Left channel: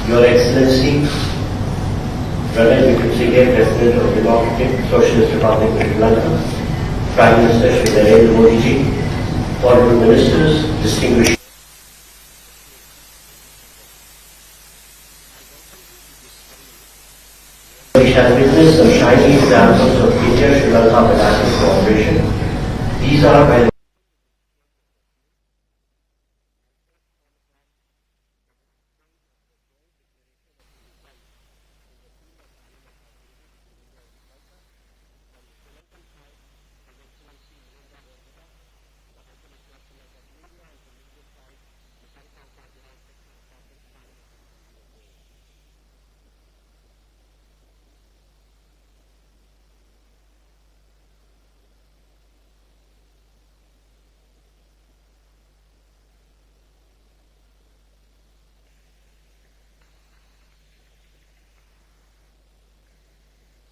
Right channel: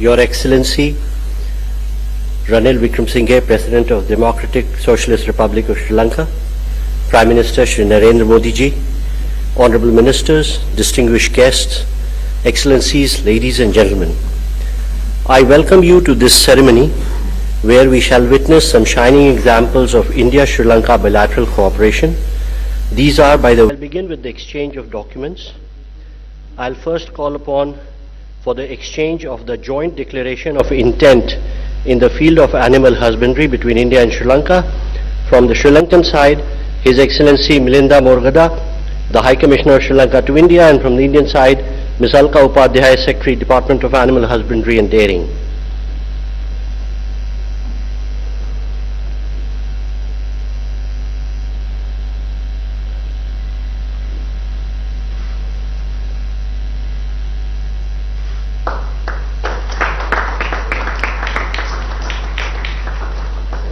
Your Excellency, Ranil Wickremesinghe, President of Democratic Socialist Republic of Sri Lanka, Prime Minister Shri Narendra Modi ji, Honorable Ministers, distinguished guests, Excellencies, ladies and gentlemen. I welcome you to this ceremony where we shall witness some shining examples of India-Sri Lanka bilateral cooperation. These are I'll begin with the exchange of documents. I'll first call upon for the exchange of the joint declaration of intent in the field of animal husbandry between India and Sri Lanka. From the Sri Lankan side, His Excellency Milinda Morgada, the High Commissioner of Sri Lanka to India, and from the Indian side, Ms. Alka Upadhyaya, Secretary, Department of Animal Husbandry and Dairying.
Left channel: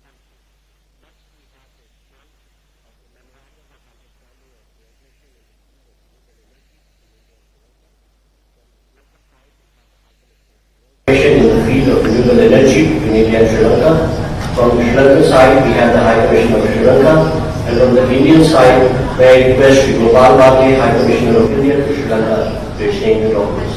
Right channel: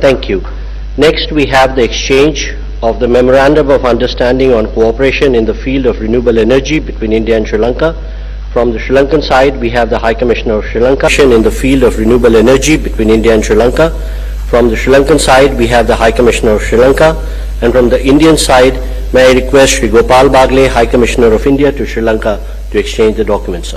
Thank you. Next, we have the exchange of the Memorandum of Understanding on Cooperation in the field of renewable energy between India and Sri Lanka. From the Sri Lankan side, we have the High Commissioner of Sri Lanka. In the field of renewable energy between India and Sri Lanka. From the Sri Lankan side, we have the High Commissioner of Sri Lanka. And from the Indian side, may I request Shri Gopal Bagle, High Commissioner of India to Sri Lanka, to exchange the documents.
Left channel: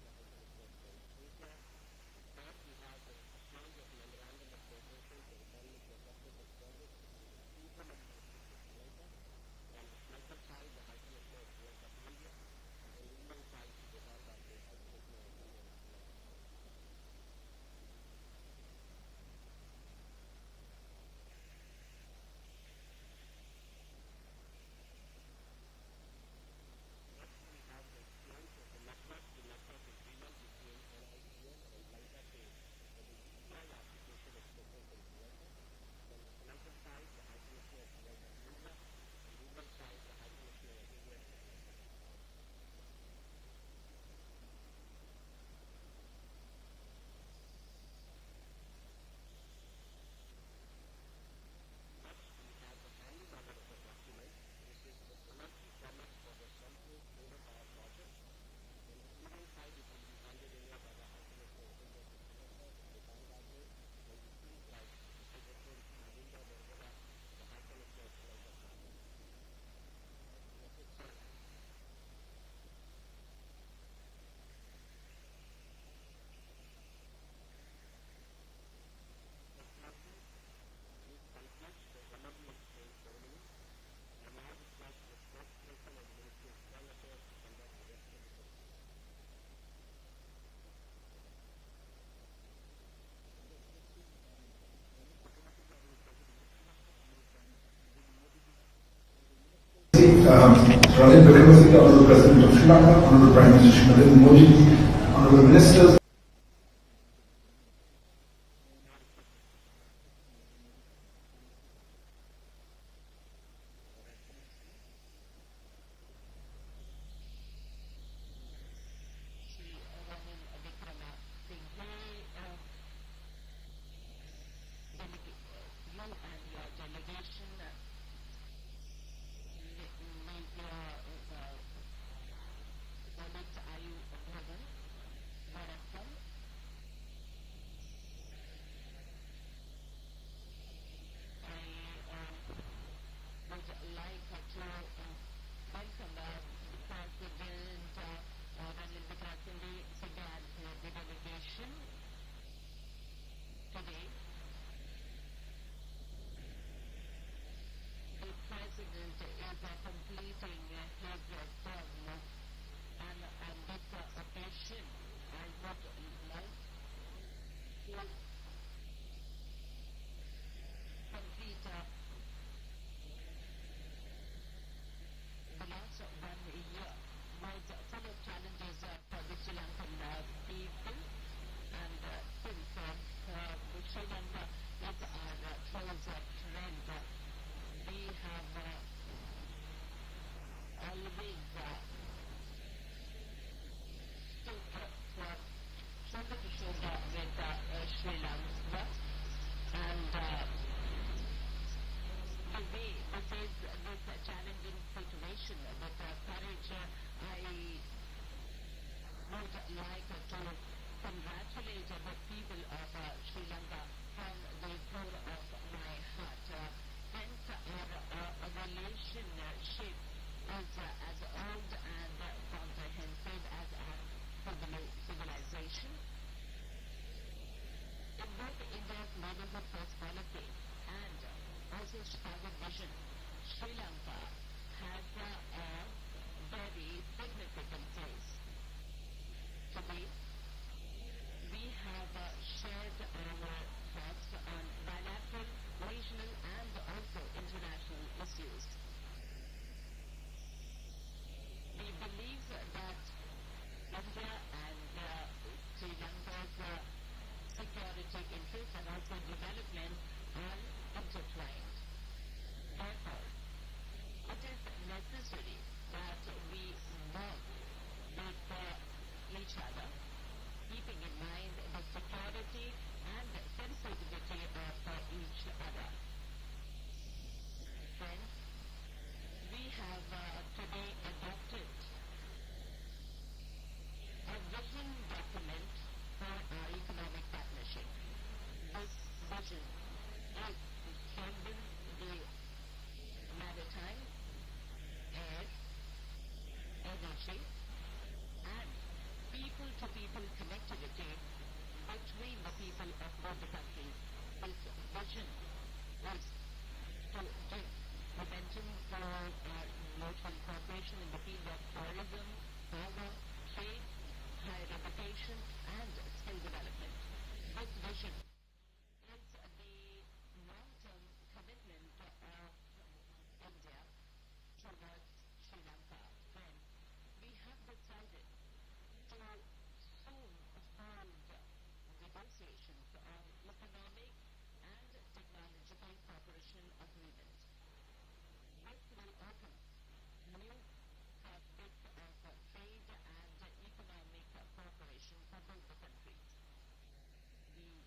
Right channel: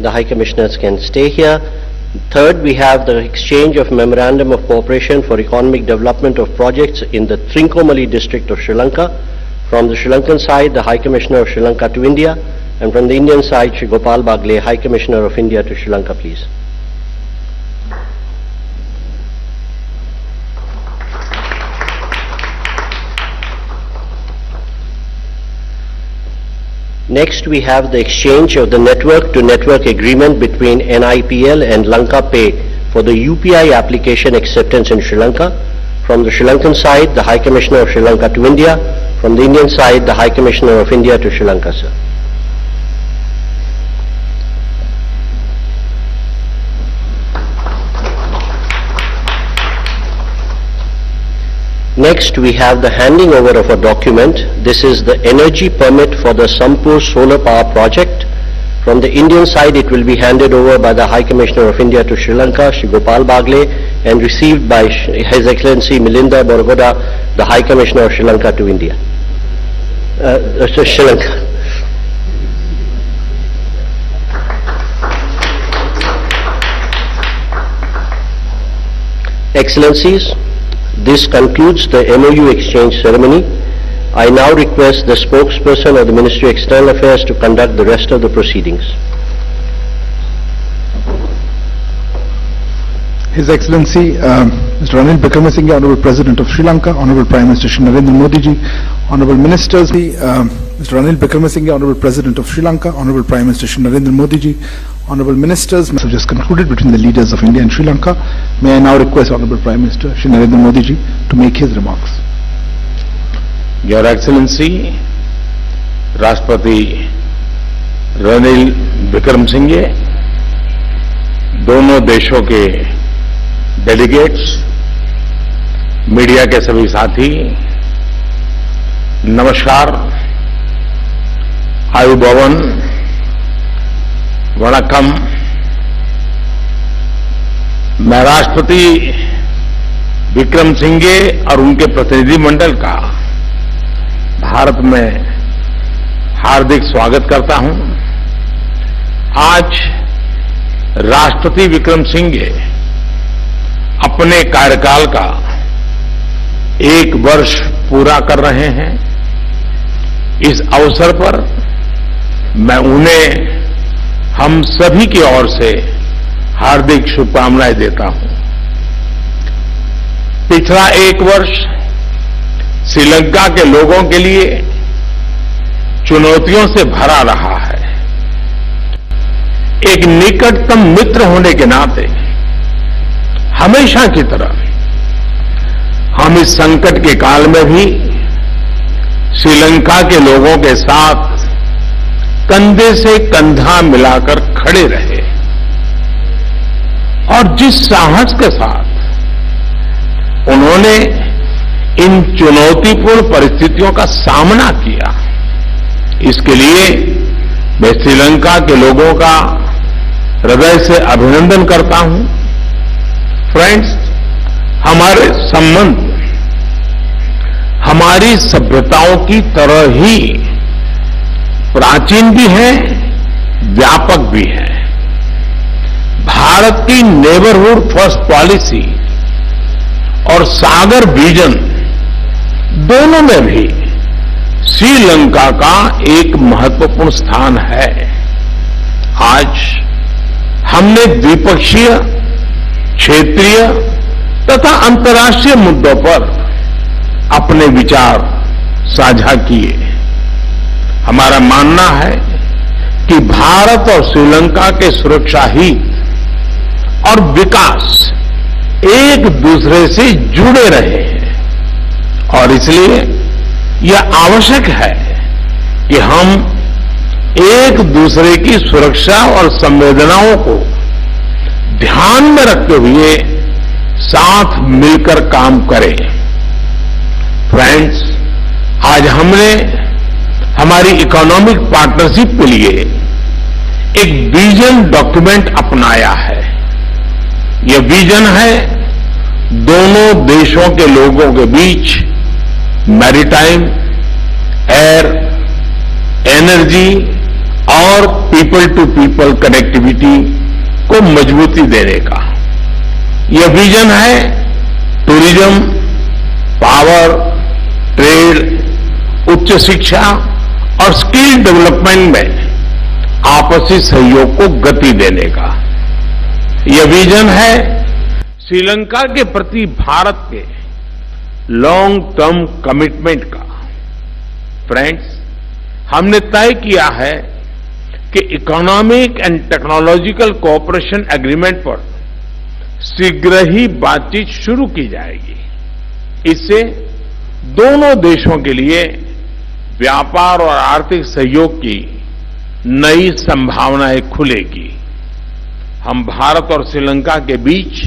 The High Commissioners can stay here. Third, we have the exchange of Memorandum of Cooperation for Economic Development of Projects in the Trincomalee district of Sri Lanka. From the Sri Lankan side, the High Commissioner of Sri Lanka to India, and from the Indian side, Shri Gopal Bagle, High Commissioner of India to Sri Lanka, please. Next, we have the exchange of the network-to-network agreement between NIPL and Lanka Pay for the UPI application acceptance in Sri Lanka. From the Sri Lankan side, the High Commissioner of Sri Lanka to India. From the Indian side, the High Commissioner of India to Sri Lanka, sir. Next, we have the handing over of a document. This is the energy permit for the Sampur solar power project. From the Indian side, it will be handed over by the High Commissioner of India to Sri Lanka, Shri Gopal Bagle, and received by His Excellency Milinda Morgada, the High Commissioner of Sri Lanka to India. Sri Lanka. Excellencies, this concludes the MOU exchange ceremony. I now request the spokesperson of the Ministry of External Affairs to conduct the rest of the proceedings. His Excellency Mr. Ranil Wickremesinghe, Honorable President of Sri Lanka, Honorable Prime Minister Shri Narendra Modi ji, Honorable Ministers, Mr. Ranil Wickremesinghe, Honorable President of Sri Lanka, Honorable Prime Minister Shri Narendra Modi ji, Honorable Ministers, have just concluded between the leaders of India and Sri Lanka. May I now request Honorable Prime Minister Shri Narendra Modi ji to make his remarks. Your Excellency, राष्ट्रपति रनिल विक्रमसिंघे, दोनों देशों के delegates, media के सभी साथी, नमस्कार, आयुभवन, वणक्कम। मैं राष्ट्रपति विक्रमसिंघे और उनके प्रतिनिधिमंडल का भारत में हार्दिक स्वागत करता हूं। आज राष्ट्रपति विक्रमसिंघे अपने कार्यकाल का 1 वर्ष पूरा कर रहे हैं। इस अवसर पर मैं उन्हें हम सभी की ओर से हार्दिक शुभकामनाएं देता हूं। पिछला 1 वर्ष श्रीलंका के लोगों के लिए चुनौतियों से भरा रहा है। एक निकटतम मित्र होने के नाते हमेशा की तरह हम इस संकट के काल में भी श्रीलंका के लोगों के साथ कंधे से कंधा मिलाकर खड़े रहे और जिस साहस के साथ उन्होंने इन चुनौतीपूर्ण परिस्थितियों का सामना किया। इसके लिए मैं श्रीलंका के लोगों का हृदय से अभिनंदन करता हूं। फ्रेंड्स, हमारे संबंध हमारी सभ्यताओं की तरह ही प्राचीन भी है, व्यापक भी है। भारत की नेबरहुड फर्स्ट पॉलिसी और सागर विजन दोनों में भी श्रीलंका का एक महत्वपूर्ण स्थान है। आज हमने द्विपक्षीय, क्षेत्रीय तथा अंतर्राष्ट्रीय मुद्दों पर अपने विचार साझा किए। हमारा मानना है कि भारत और श्रीलंका के सुरक्षा हित और विकास एक दूसरे से जुड़े रहे हैं और इसलिए यह आवश्यक है कि हम एक दूसरे की सुरक्षा और संवेदनाओं को ध्यान में रखते हुए साथ मिलकर काम करें। फ्रेंड्स, आज हमने हमारी इकोनॉमिक पार्टनरशिप के लिए एक विजन डॉक्यूमेंट अपनाया है। यह विजन है दोनों देशों के लोगों के बीच मैरीटाइम, एयर, एनर्जी और पीपल टू पीपल कनेक्टिविटी को मजबूती देने का। यह विजन है टूरिज्म, पावर, ट्रेड, उच्च शिक्षा और स्किल डेवलपमेंट में आपसी सहयोग को गति देने का। यह विजन है श्रीलंका के प्रति भारत के लॉन्ग टर्म कमिटमेंट का। फ्रेंड्स, हमने तय किया है कि economic and technological cooperation agreement पर शीघ्र ही बातचीत शुरू की जाएगी। इससे दोनों देशों के लिए व्यापार और आर्थिक सहयोग की नई संभावनाएं खुलेगी। हम भारत और श्रीलंका के बीच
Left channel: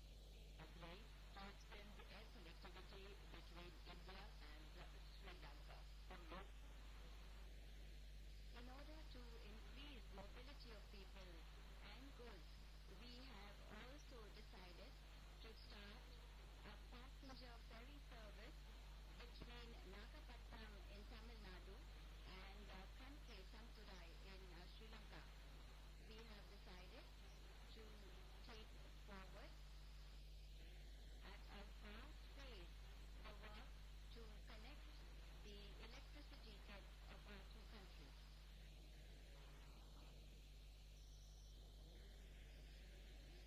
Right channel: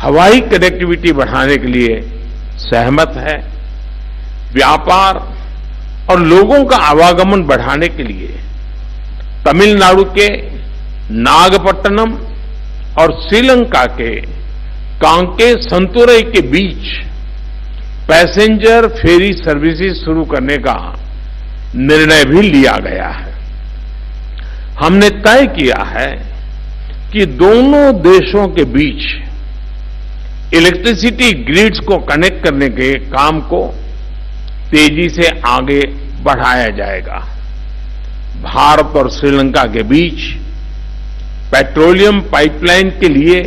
हवाई कनेक्टिविटी बढ़ाने के लिए सहमत है। व्यापार और लोगों का आवागमन बढ़ाने के लिए तमिलनाडु के नागपट्टनम और श्रीलंका के कांके संतुरई के बीच पैसेंजर फेरी सर्विसेज शुरू करने का निर्णय भी लिया गया है। हमने तय किया है कि दोनों देशों के बीच इलेक्ट्रिसिटी ग्रिड्स को कनेक्ट करने के काम को तेजी से आगे बढ़ाया जाएगा। भारत और श्रीलंका के बीच पेट्रोलियम पाइपलाइन के लिए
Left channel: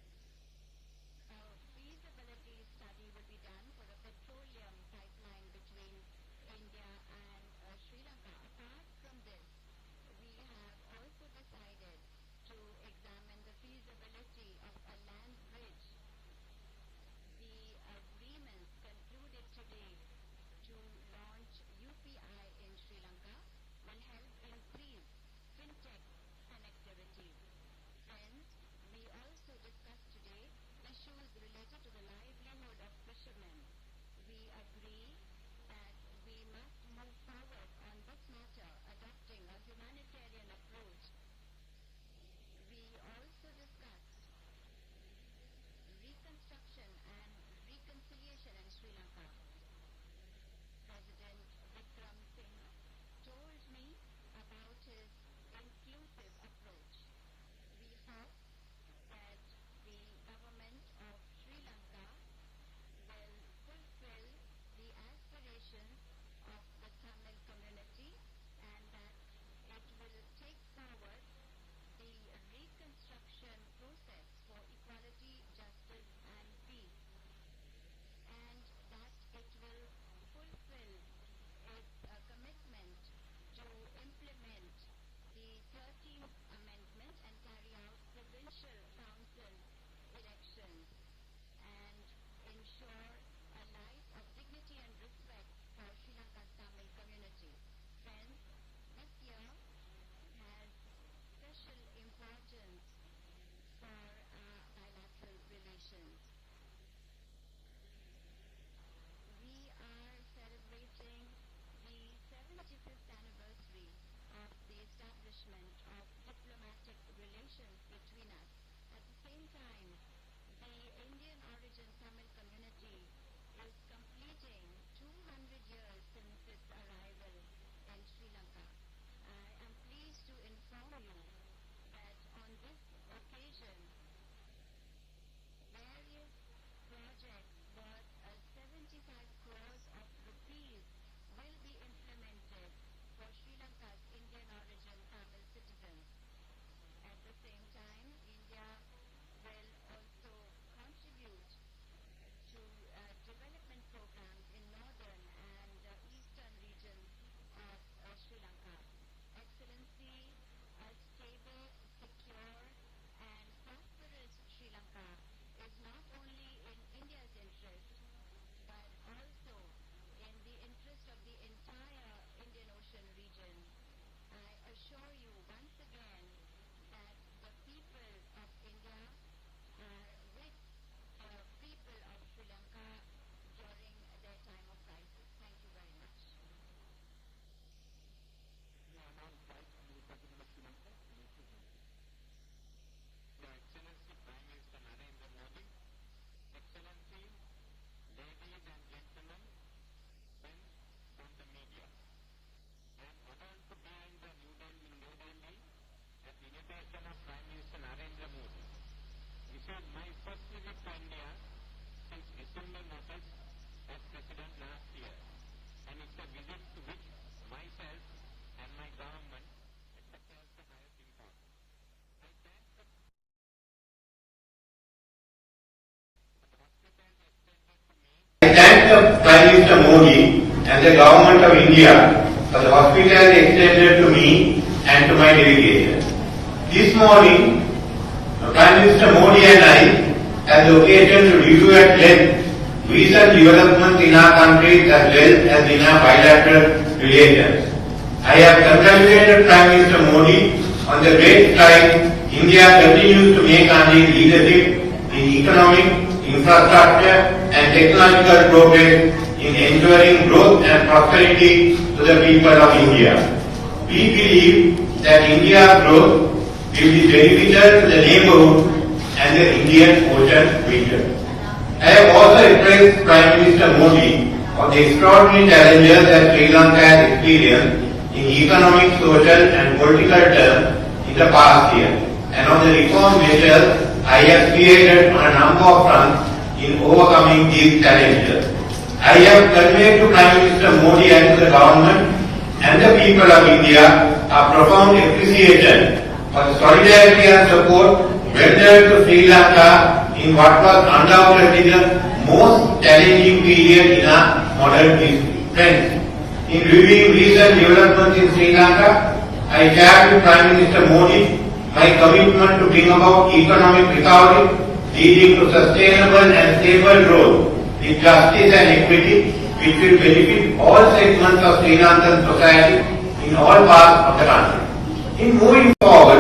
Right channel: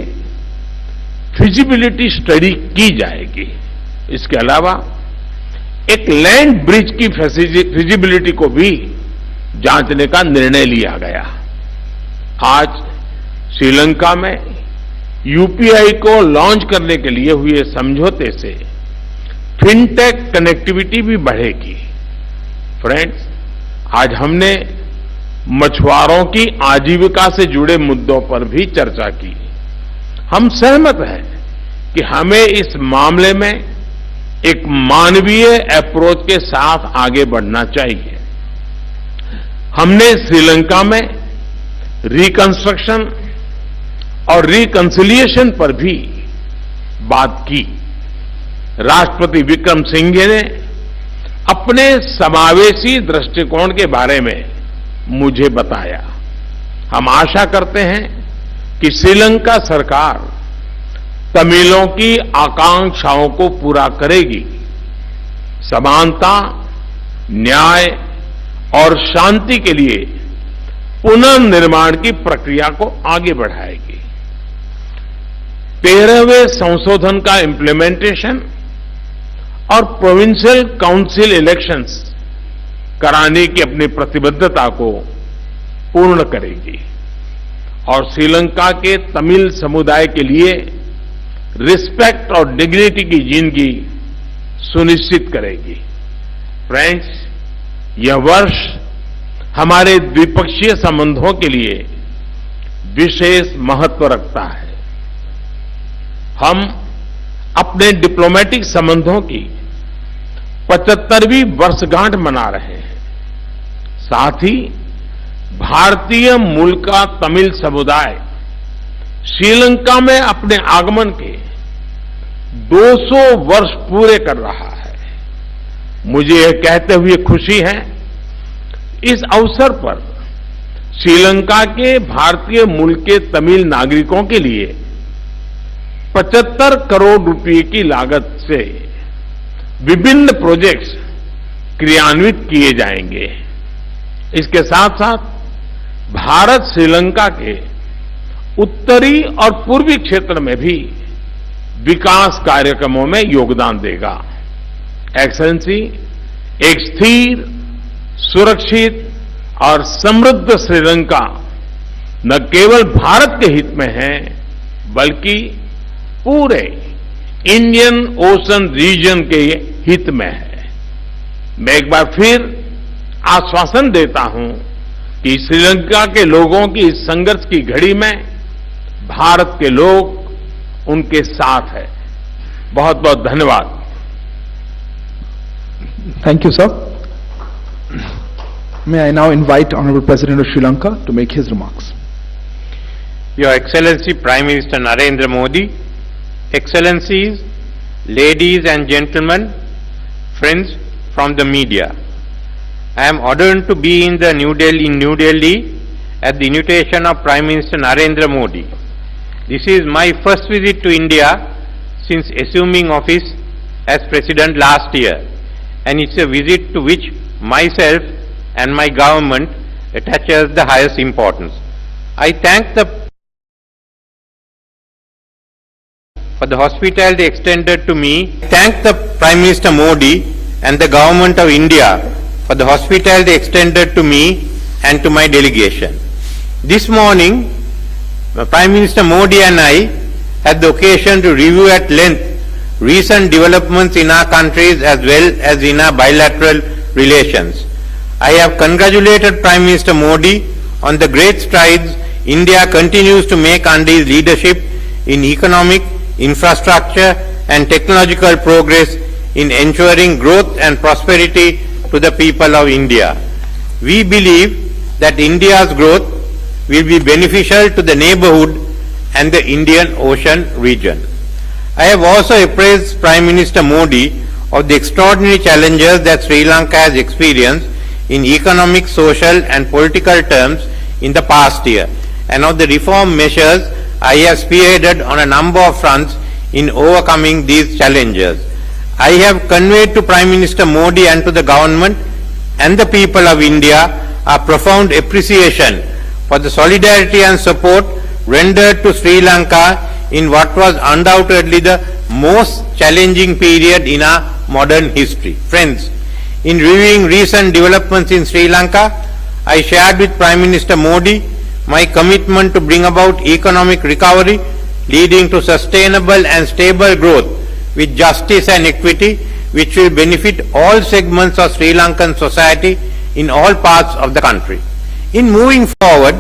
फिजिबिलिटी स्टडी की जाएगी। इसके अलावा एक लैंड ब्रिज की फिजिबिलिटी को भी जांचने का निर्णय लिया गया। आज श्रीलंका में यूपीआई को लॉन्च करने के लिए हुए समझौते से फिनटेक कनेक्टिविटी भी बढ़ेगी। फ्रेंड्स, आज हमने मछुआरों की आजीविका से जुड़े मुद्दों पर भी चर्चा की। हम सहमत हैं कि हमें इस मामले में एक मानवीय अप्रोच के साथ आगे बढ़ना चाहिए। हमने श्रीलंका में रिकंस्ट्रक्शन और रिकंसिलिएशन पर भी बात की। राष्ट्रपति विक्रमसिंघे ने अपने समावेशी दृष्टिकोण के बारे में मुझे बताया। हम आशा करते हैं कि श्रीलंका सरकार तमिलों की आकांक्षाओं को पूरा करेगी, समानता, न्याय और शांति के लिए पुनर्निर्माण की प्रक्रिया को आगे बढ़ाएगी। 13वें संशोधन का इम्प्लीमेंटेशन और प्रोविंशियल काउंसिल इलेक्शंस कराने की अपनी प्रतिबद्धता को पूर्ण करेगी और श्रीलंका के तमिल समुदाय के लिए रिस्पेक्ट और डिग्निटी की जिंदगी सुनिश्चित करेगी। फ्रेंड्स, यह वर्ष हमारे द्विपक्षीय संबंधों के लिए विशेष महत्व रखता है। हम अपने डिप्लोमेटिक संबंधों की 75वीं वर्षगांठ मना रहे हैं। साथ ही भारतीय मूल का तमिल समुदाय श्रीलंका में अपने आगमन के 200 वर्ष पूरे कर रहा है। मुझे यह कहते हुए खुशी है, इस अवसर पर श्रीलंका के भारतीय मूल के तमिल नागरिकों के लिए 75 करोड़ रुपए की लागत से विभिन्न प्रोजेक्ट्स क्रियान्वित किए जाएंगे। इसके साथ साथ भारत श्रीलंका के उत्तरी और पूर्वी क्षेत्र में भी विकास कार्यक्रमों में योगदान देगा। एक्सेलेंसी, एक स्थिर, सुरक्षित और समृद्ध श्रीलंका न केवल भारत के हित में है, बल्कि पूरे इंडियन ओशन रीजन के हित में है। मैं एक बार फिर आश्वासन देता हूं कि श्रीलंका के लोगों की इस संघर्ष की घड़ी में भारत के लोग उनके साथ है। बहुत बहुत धन्यवाद। Thank you, sir. May I now invite Honorable President of Sri Lanka to make his remarks. Your Excellency Prime Minister Narendra Modi, Excellencies, ladies and gentlemen, friends from the media. I am honored to be in New Delhi at the invitation of Prime Minister Narendra Modi. This is my first visit to India since assuming office as President last year, and it's a visit to which myself and my government attaches the highest importance. I thank for the hospitality extended to me. I thank the Prime Minister Modi and the Government of India for the hospitality extended to me and to my delegation. This morning, Prime Minister Modi and I had the occasion to review at length recent developments in our countries as well as in our bilateral relations. I have congratulated Prime Minister Modi on the great strides India continues to make under his leadership in economic, infrastructure and technological progress in ensuring growth and prosperity to the people of India. We believe that India's growth will be beneficial to the neighborhood and the Indian Ocean region. I have also appraised Prime Minister Modi of the extraordinary challenges that Sri Lanka has experienced in economic, social and political terms in the past year, and of the reform measures I have spearheaded on a number of fronts in overcoming these challenges. I have conveyed to Prime Minister Modi and to the government and the people of India a profound appreciation for the solidarity and support rendered to Sri Lanka in what was undoubtedly the most challenging period in our modern history. Friends, in reviewing recent developments in Sri Lanka, I shared with Prime Minister Modi my commitment to bring about economic recovery leading to sustainable and stable growth with justice and equity, which will benefit all segments of Sri Lankan society in all parts of the country. In moving forward,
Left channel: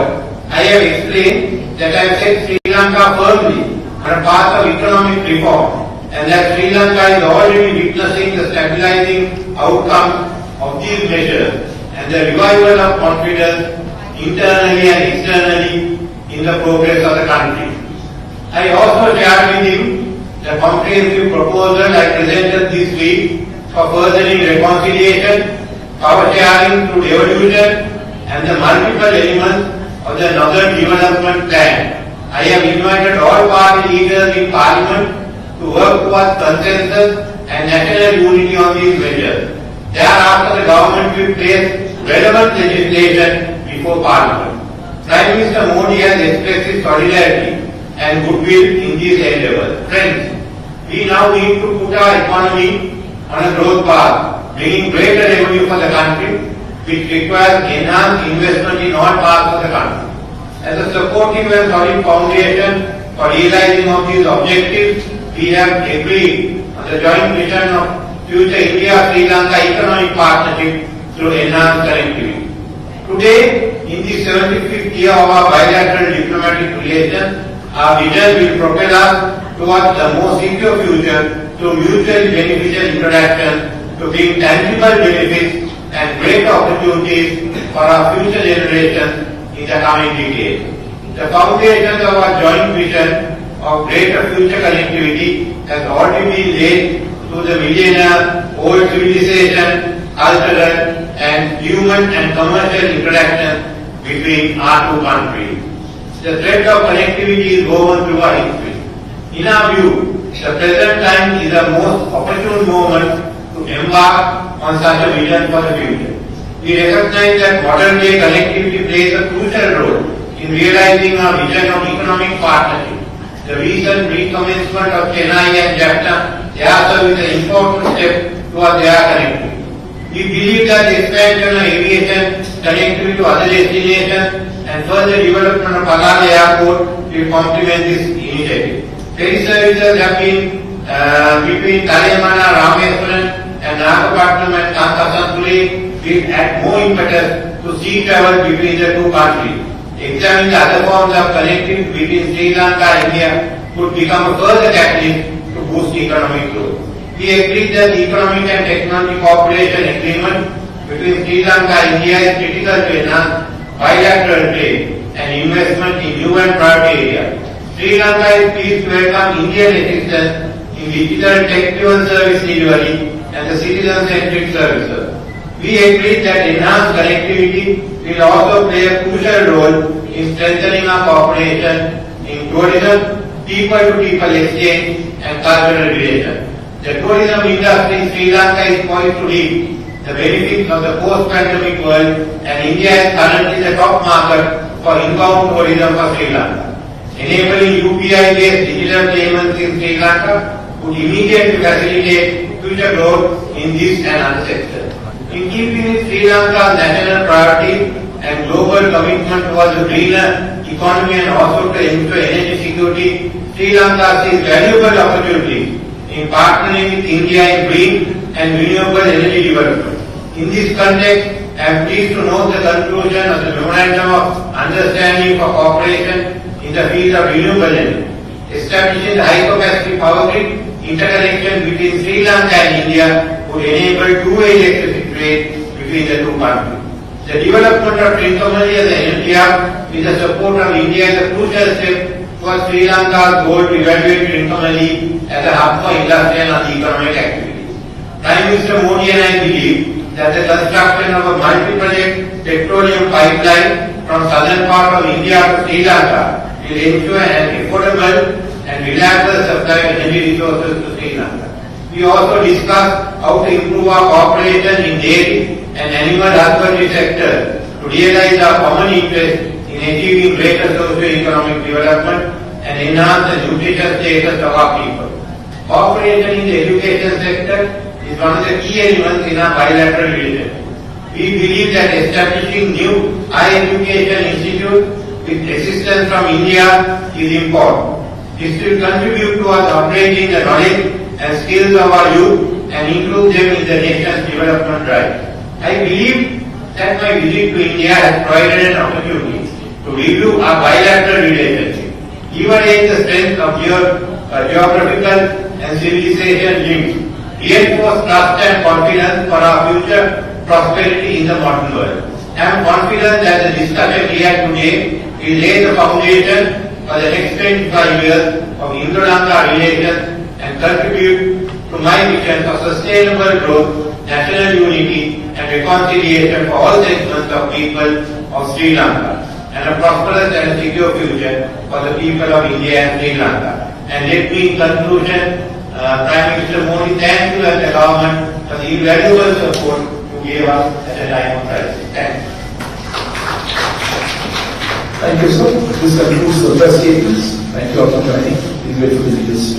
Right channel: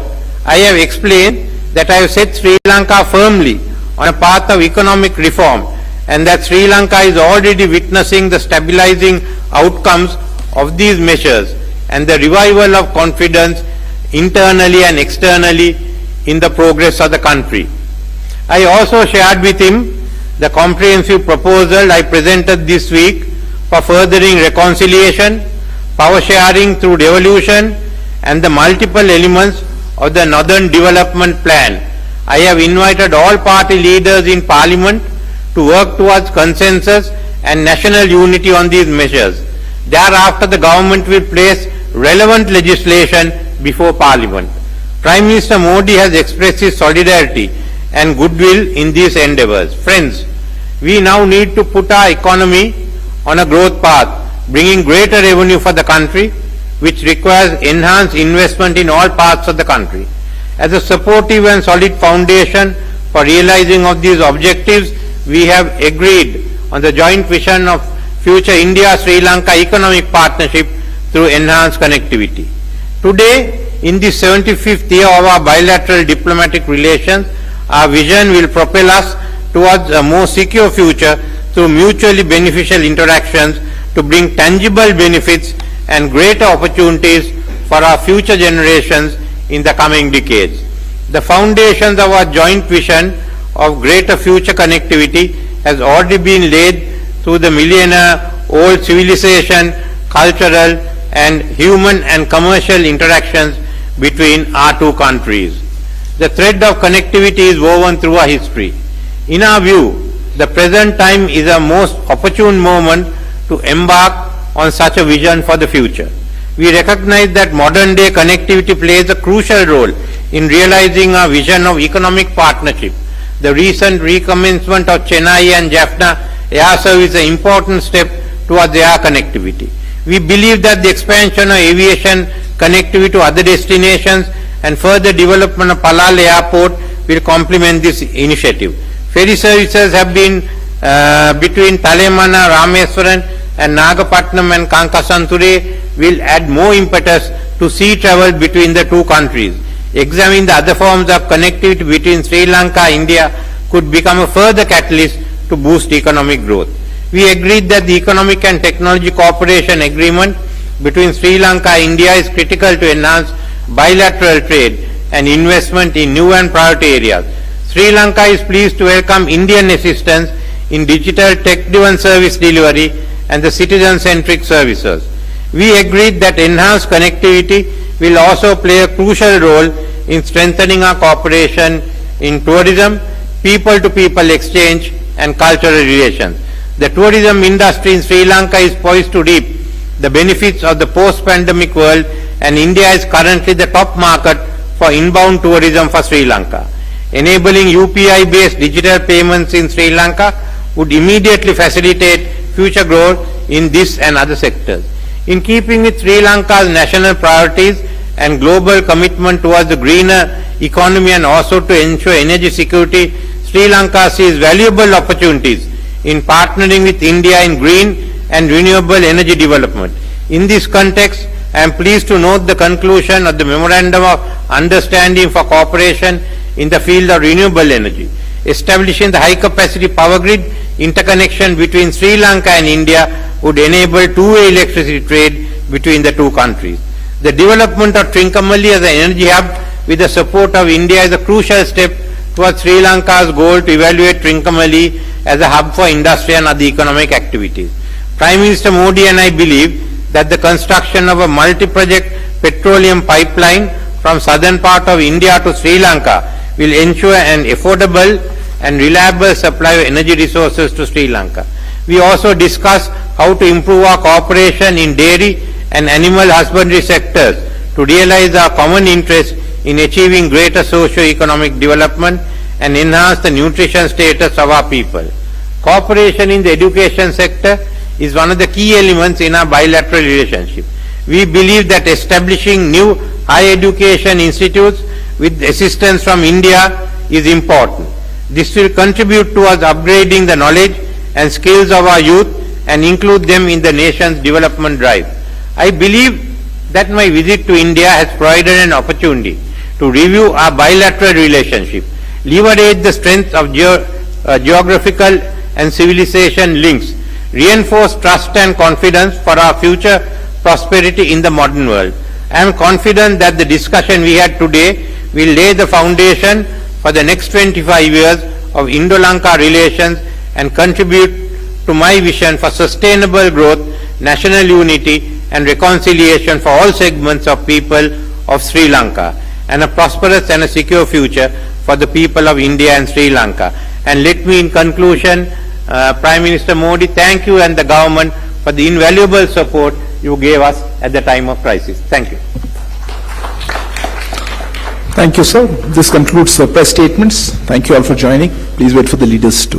I have explained that I have set Sri Lanka firmly on a path of economic reform, and that Sri Lanka is already witnessing the stabilizing outcomes of these measures and the revival of confidence internally and externally in the progress of the country. I also shared with him the comprehensive proposal I presented this week for furthering reconciliation, power sharing through devolution and the multiple elements of the Northern Development Plan. I have invited all party leaders in Parliament to work towards consensus and national unity on these measures. Thereafter, the government will place relevant legislation before Parliament. Prime Minister Modi has expressed his solidarity and goodwill in these endeavours. Friends, we now need to put our economy on a growth path, bringing greater revenue for the country, which requires enhanced investment in all parts of the country. As a supportive and solid foundation for realizing of these objectives, we have agreed on the joint vision of future India-Sri Lanka economic partnership through enhanced connectivity. Today, in the 75th year of our bilateral diplomatic relations, our vision will propel us towards a more secure future through mutually beneficial interactions to bring tangible benefits and greater opportunities for our future generations in the coming decades. The foundations of our joint vision of greater future connectivity has already been laid through the millennia-old civilization, cultural and human and commercial interactions between our two countries. The thread of connectivity is woven through our history. In our view, the present time is a most opportune moment to embark on such a vision for the future. We recognize that modern day connectivity plays a crucial role in realizing our vision of economic partnership. The recent recommencement of Chennai and Jaffna air service is an important step towards air connectivity. We believe that the expansion of aviation connectivity to other destinations and further development of Palal Airport will complement this initiative. Ferry services have been between Talemana, Rameswaram and Nagapatnam and Kankasanture will add more impetus to sea travel between the two countries. Examining the other forms of connectivity between Sri Lanka and India could become a further catalyst to boost economic growth. We agreed that the economic and technology cooperation agreement between Sri Lanka and India is critical to enhance bilateral trade and investment in new and private areas. Sri Lanka is pleased to welcome Indian assistance in digital tech-driven service delivery and the citizen-centric services. We agreed that enhanced connectivity will also play a crucial role in strengthening our cooperation in tourism, people-to-people exchange and cultural relations. The tourism industry in Sri Lanka is poised to reap the benefits of the post-pandemic world, and India is currently the top market for inbound tourism for Sri Lanka. Enabling UPI-based digital payments in Sri Lanka would immediately facilitate future growth in this and other sectors. In keeping with Sri Lanka's national priorities and global commitment towards the greener economy and also to ensure energy security, Sri Lanka sees valuable opportunities in partnering with India in green and renewable energy development. In this context, I am pleased to note the conclusion of the Memorandum of Understanding for Cooperation in the field of renewable energy. Establishing the high-capacity power grid interconnection between Sri Lanka and India would enable two-way electricity trade between the two countries. The development of Trincomalee as an energy hub with the support of India is a crucial step towards Sri Lanka's goal to evaluate Trincomalee as a hub for industry and other economic activities. Prime Minister Modi and I believe that the construction of a multi-project petroleum pipeline from southern part of India to Sri Lanka will ensure an affordable and reliable supply of energy resources to Sri Lanka. We also discussed how to improve our cooperation in dairy and animal husbandry sectors to realize our common interest in achieving greater socio-economic development and enhance the nutrition status of our people. Cooperation in the education sector is one of the key elements in our bilateral relationship. We believe that establishing new higher education institutes with assistance from India is important. This will contribute towards upgrading the knowledge and skills of our youth and include them in the nation's development drive. I believe that my visit to India has provided an opportunity to review our bilateral relationship, leverage the strength of geographical and civilization links, reinforce trust and confidence for our future prosperity in the modern world. I am confident that the discussion we had today will lay the foundation for the next 25 years of Indo-Lanka relations and contribute to my vision for sustainable growth, national unity and reconciliation for all segments of people of Sri Lanka, and a prosperous and a secure future for the people of India and Sri Lanka. And let me in conclusion, Prime Minister Modi, thank you and the government for the invaluable support you gave us at the time of crisis. Thank you. Thank you, sir. This concludes the press statements. Thank you all for joining. Please wait for the leaders to